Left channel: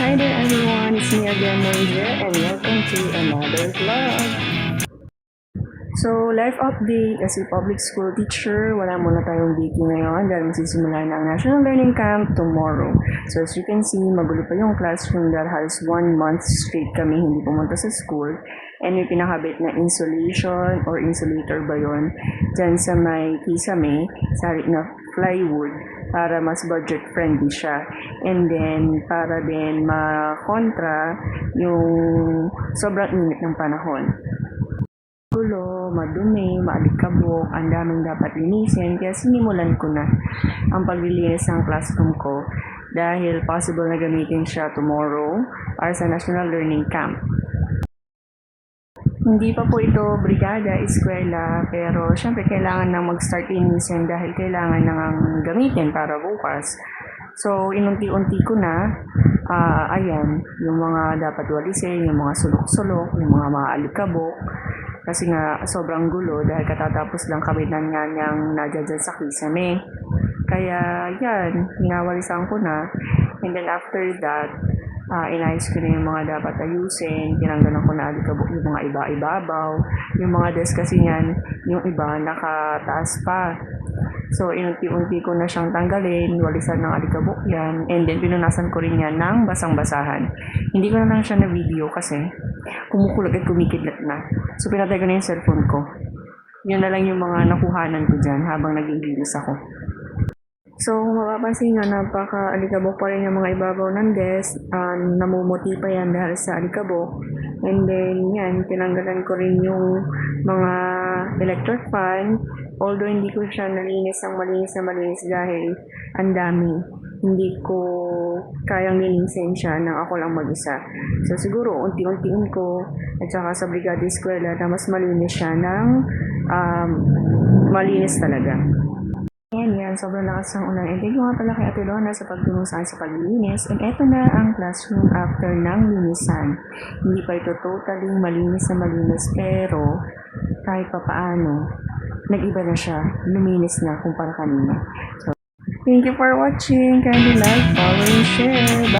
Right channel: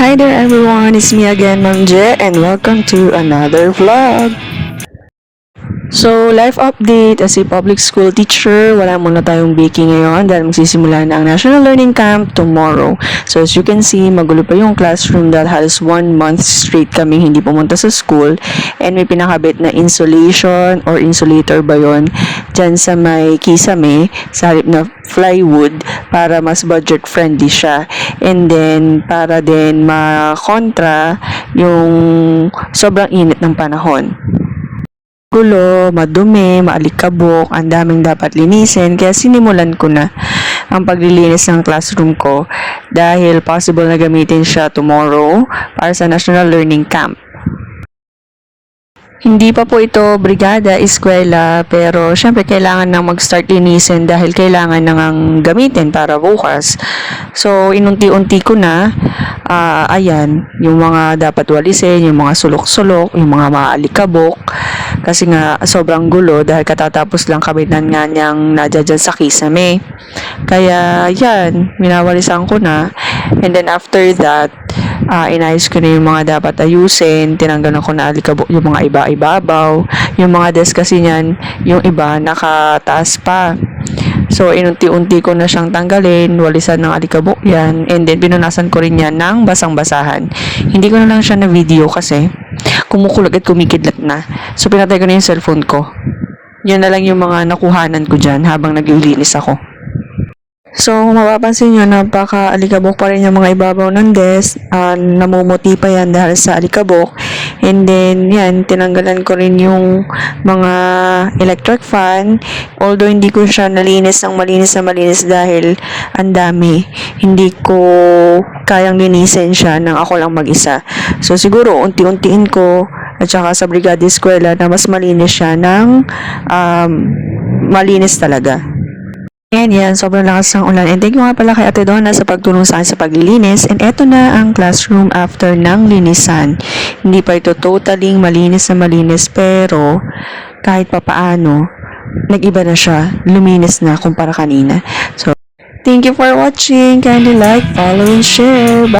Hi there everyone, it's me again, Ma'am Je, and welcome to another vlog. So, life update, as a public school teacher, wala muna tayong baking ngayon dahil magsisimula na ang National Learning Camp tomorrow. So, as you can see, magulo pa yung classroom dahil halos 1 month straight kami hindi pumunta sa school, and may pinakabit na insulation or insulator ba yun dyan sa may kisame sa halip na plywood para mas budget friendly siya, and then para din makontra yung sobrang init ng panahon. Gulo, madumi, maalikabok, ang daming dapat linisin, kaya sinimulan ko na ang paglilinis ng classroom ko dahil possible na gamitin siya tomorrow para sa National Learning Camp. Hindi pa po ito brigada, eskwela, pero syempre kailangan nang mag-start linisin dahil kailangan nang gamitin para bukas. So, inunti-unti ko na, ayan, yung mga dapat walisin, yung mga sulok-sulok, yung mga maalikabok, kasi nga sobrang gulo dahil katatapos lang kabinan nga niyang nadya dyan sa kisame. Kaya, yan, minawalisan ko na, and then after that, inayos ko na yung mga dapat ayusin, tinanggalan ko na alikabok yung mga ibabaw, yung mga desk kasi niyan, yung iba nakataas pa. So, inunti-unti ko na siyang tanggalin, walisan ng alikabok yan, and then pinunasan ko rin yan ng basang-basahan. Hindi ko na lang siya na video kasi kumukulog at kumikidlat na. So, pinatay ko na yung cellphone ko. Yan na lang yung mga nakuhanan ko dyan habang naglilinis ako. So, kung mapapansin nyo, napaka-alikabok pa rin yung mga ibabaw ng desk. Namumuti pa yan dahil sa alikabok. And then, yan, tinanggalan ko rin yung mga electric fan. Although, hindi ko siya nalinis ng malinis na malinis dahil ang dami. Hindi ko kayang linisin siya nang ako lang mag-isa. So, siguro, unti-untiin ko at saka sa Brigada Eskwela na mas malinis siya ng malinis talaga. Yan, sobrang lakas ng ulan. And thank you nga pala kay Ate Donna sa pagtulong sa akin sa paglilinis. And eto na ang classroom after ng linisan. Hindi pa ito totally malinis na malinis, pero kahit papaano, nag-iba na siya. Luminis na kumpara kanina. So, thank you for watching. Kindly like, follow, and share. Bye!